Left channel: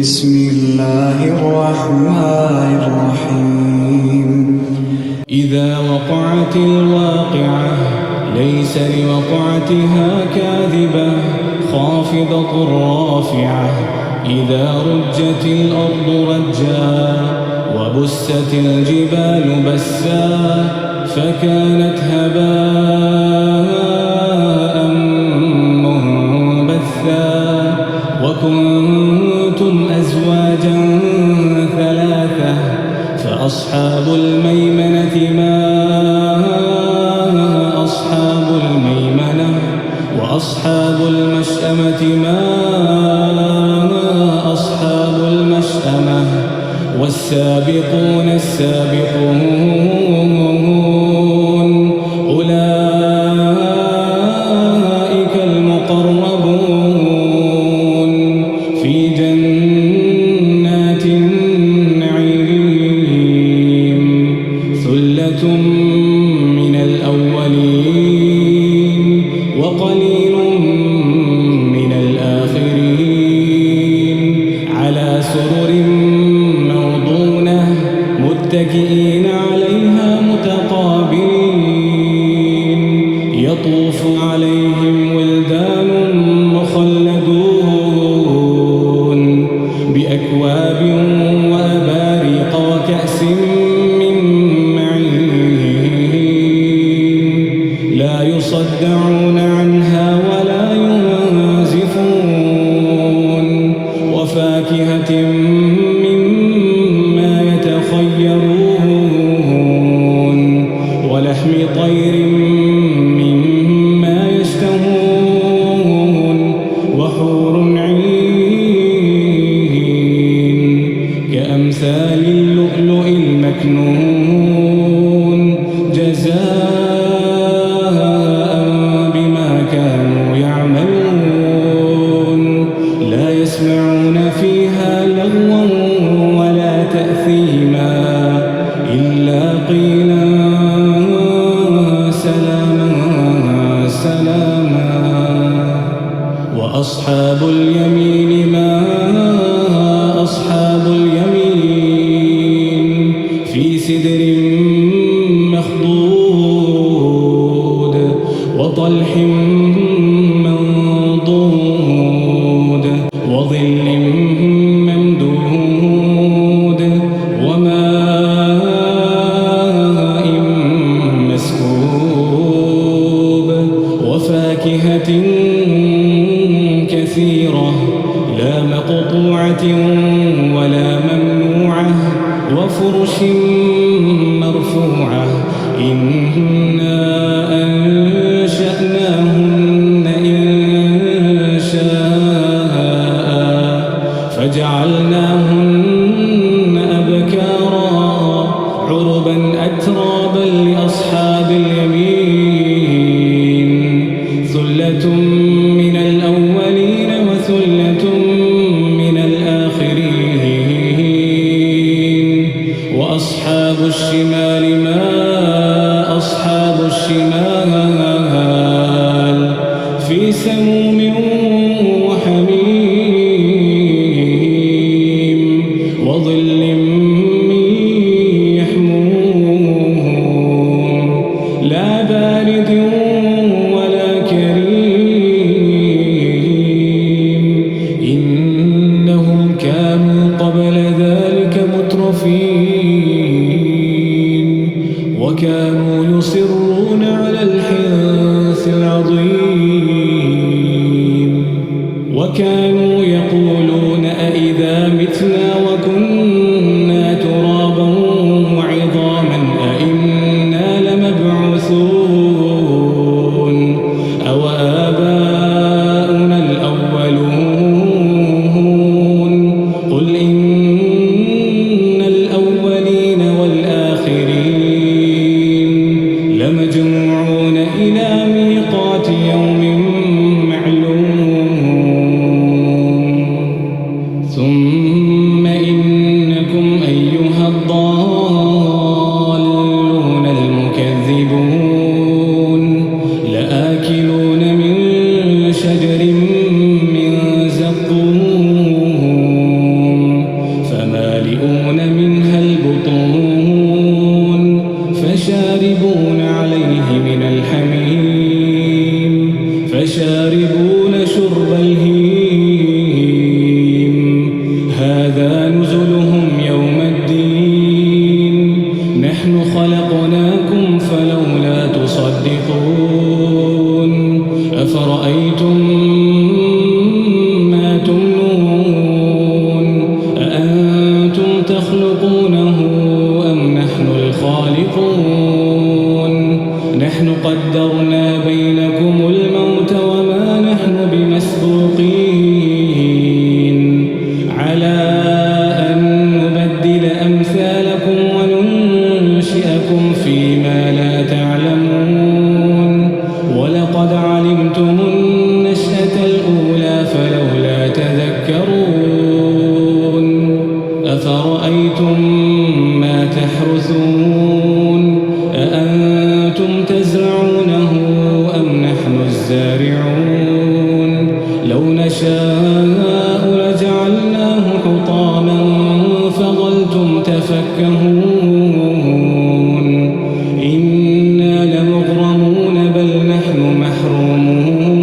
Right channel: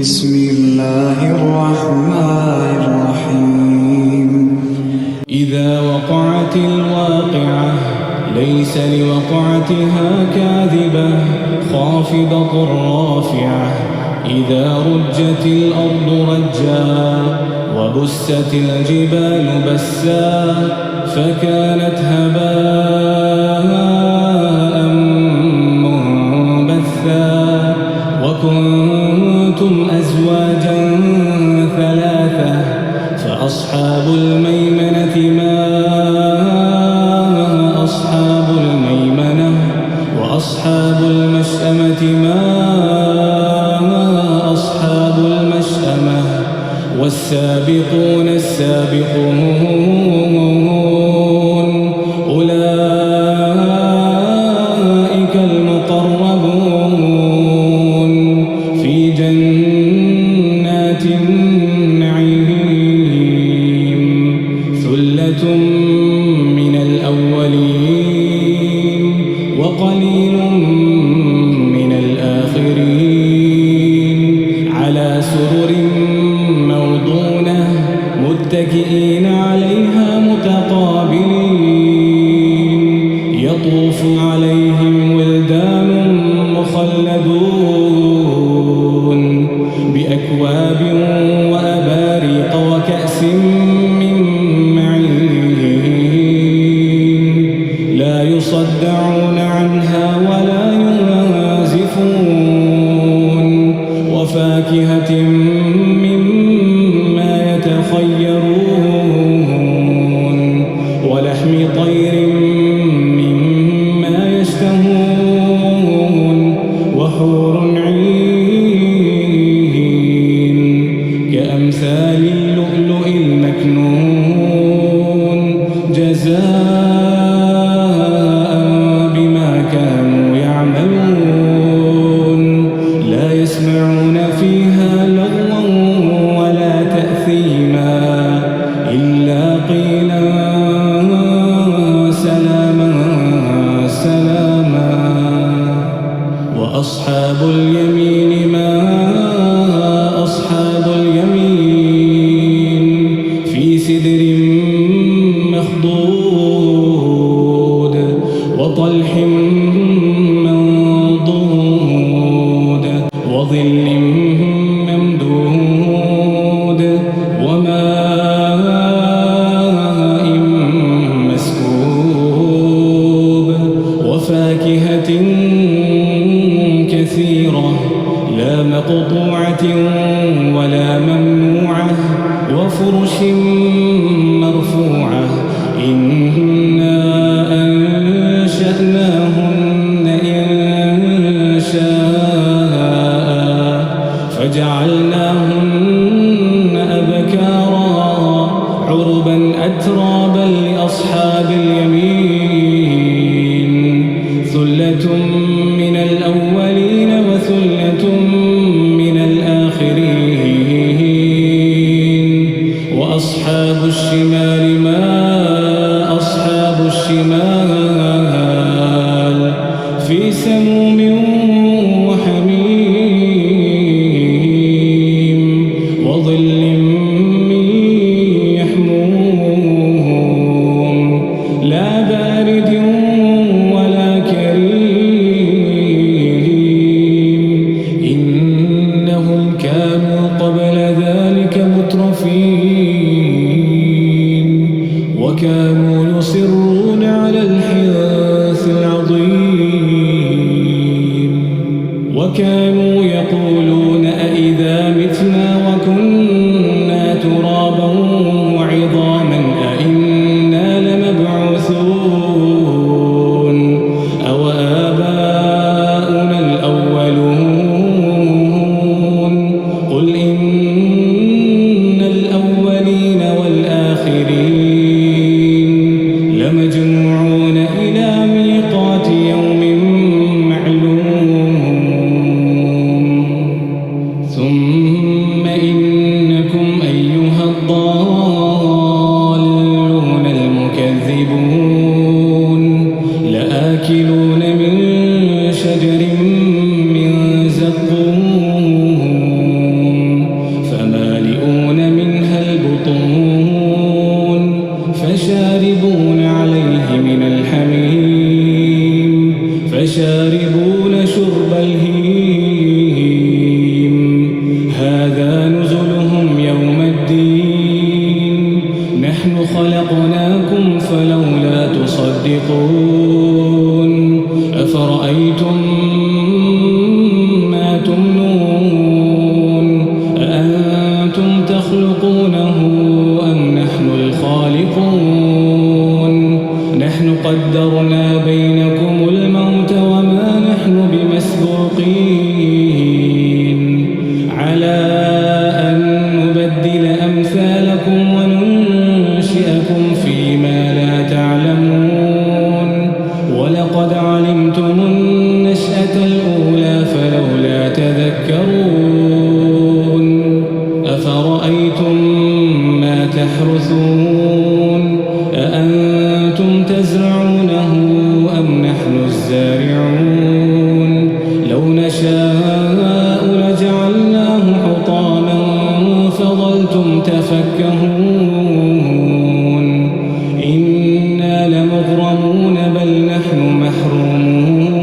بسم الله الرحمن الرحيم إذا وقعت الواقعة ليس لوقعتها كاذبة خافضة رافعة إذا رجت الأرض رجا وبست الجبال بسا فكانت هباء منبثا وكنتم أزواجا ثلاثة فأصحاب الميمنة ما أصحاب الميمنة وأصحاب المشأمة ما أصحاب المشأمة والسابقون السابقون أولئك المقربون في جنات النعيم ثلة من الأولين وقليل من الآخرين على سرر موضونة متكئين عليها متقابلين يطوف عليهم ولدان مخلدون بأكواب وأباريق وكأس من معين لا يصدعون عنها ولا ينزفون وفاكهة مما يتخيرون ولحم طير مما يشتهون وحور عين كأمثال اللؤلؤ المكنون جزاء بما كانوا يعملون لا يسمعون فيها لغوا ولا تأثيما إلا قيلا سلاما سلاما وأصحاب اليمين ما أصحاب اليمين في سدر مخضود وطلح منضود وظل ممدود وماء مسكوب وفاكهة كثيرة لا مقطوعة ولا ممنوعة وفرش مرفوعة إنا أنشأناهن إنشاء فجعلناهن أبكارا عربا أترابا لأصحاب اليمين ثلة من الأولين وثلة من الآخرين وأصحاب الشمال ما أصحاب الشمال في سموم وحميم وظل من يحموم لا بارد ولا كريم إنهم كانوا قبل ذلك مترفين وكانوا يصرون على الحنث العظيم وكانوا يقولون أئذا متنا وكنا ترابا وعظاما أئنا لمبعوثون أو آباؤنا الأولون قل إن الأولين والآخرين لمجموعون إلى ميقات يوم معلوم الحميم فشاربون شرب الهيم هذا نزلهم يوم الدين نحن خلقناكم فلولا تصدقون أفرأيتم ما تمنون أأنتم تخلقونه أم نحن الخالقون نحن قدرنا بينكم الموت وما نحن بمسبوقين على أن نبدل أمثالكم وننشئكم فيما لا تعلمون ولقد علمتم النشأة الأولى فلولا تذكرون أفرأيتم ما تحرثون أأنتم تزرعونه أم نحن الزارعون لو نشاء لجعلناه حطاما فظلتم تفكهون إنا لمغرمون بل نحن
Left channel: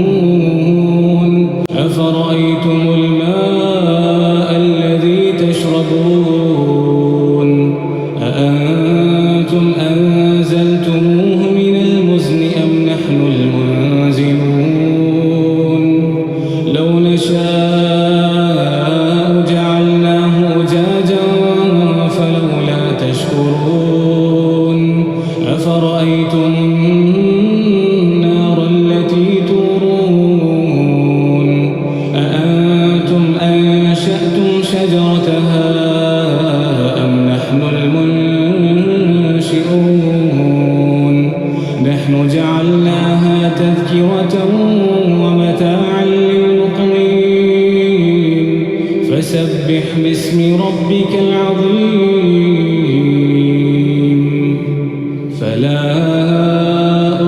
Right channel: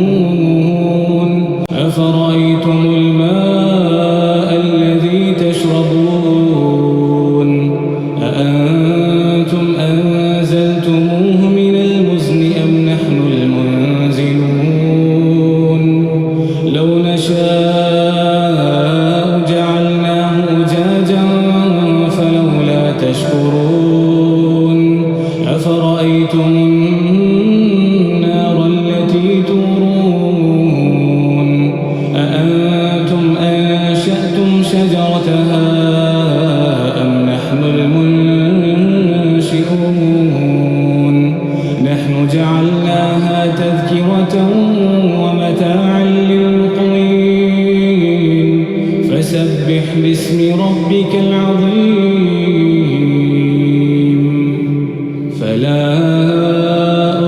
محرومون أفرأيتم الماء الذي تشربون أأنتم أنزلتموه من المزن أم نحن المنزلون لو نشاء جعلناه أجاجا فلولا تشكرون أفرأيتم النار التي تورون أأنتم أنشأتم شجرتها أم نحن المنشئون نحن جعلناها تذكرة ومتاعا للمقوين فسبح باسم ربك العظيم فلا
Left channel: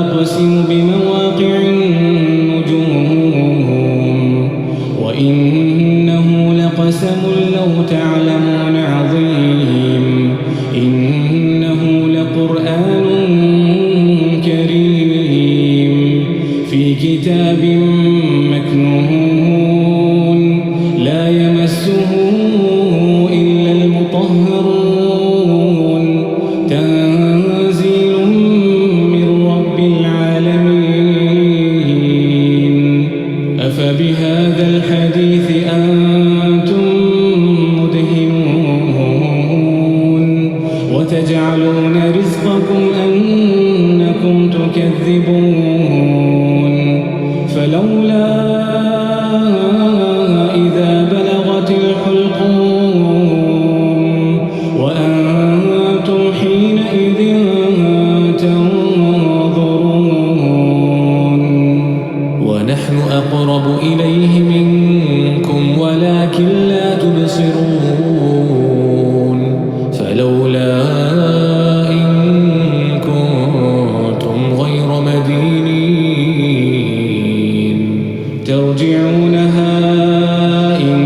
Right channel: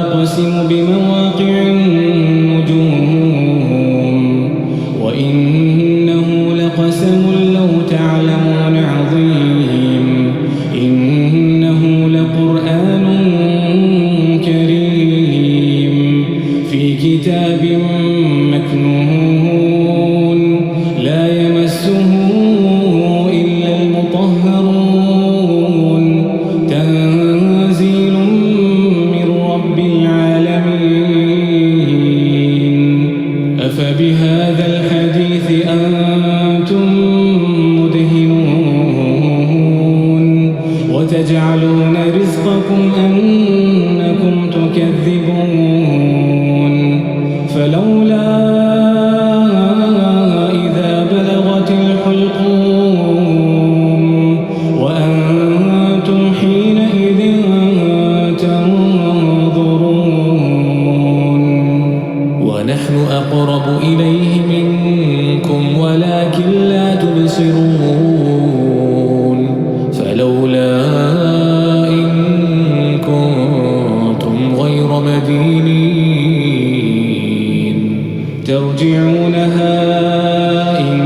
أقسم بمواقع النجوم وإنه لقسم لو تعلمون عظيم إنه لقرآن كريم في كتاب مكنون لا يمسه إلا المطهرون تنزيل من رب العالمين أفبهذا الحديث أنتم مدهنون وتجعلون رزقكم أنكم تكذبون فلولا إذا بلغت الحلقوم وأنتم حينئذ تنظرون ونحن أقرب إليه منكم ولكن لا تبصرون فلولا إن كنتم غير مدينين ترجعونها إن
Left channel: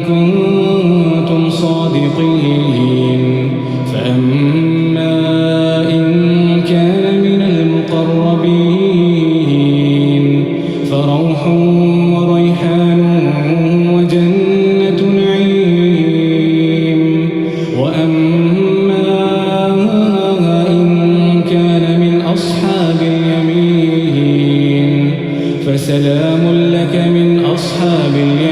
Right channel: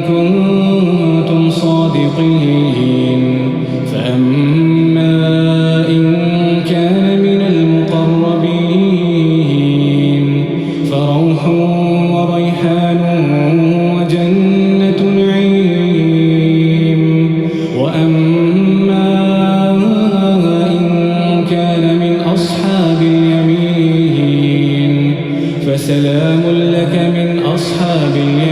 كنتم صادقين فأما إن كان من المقربين فروح وريحان وجنة نعيم وأما إن كان من أصحاب اليمين فسلام لك من أصحاب اليمين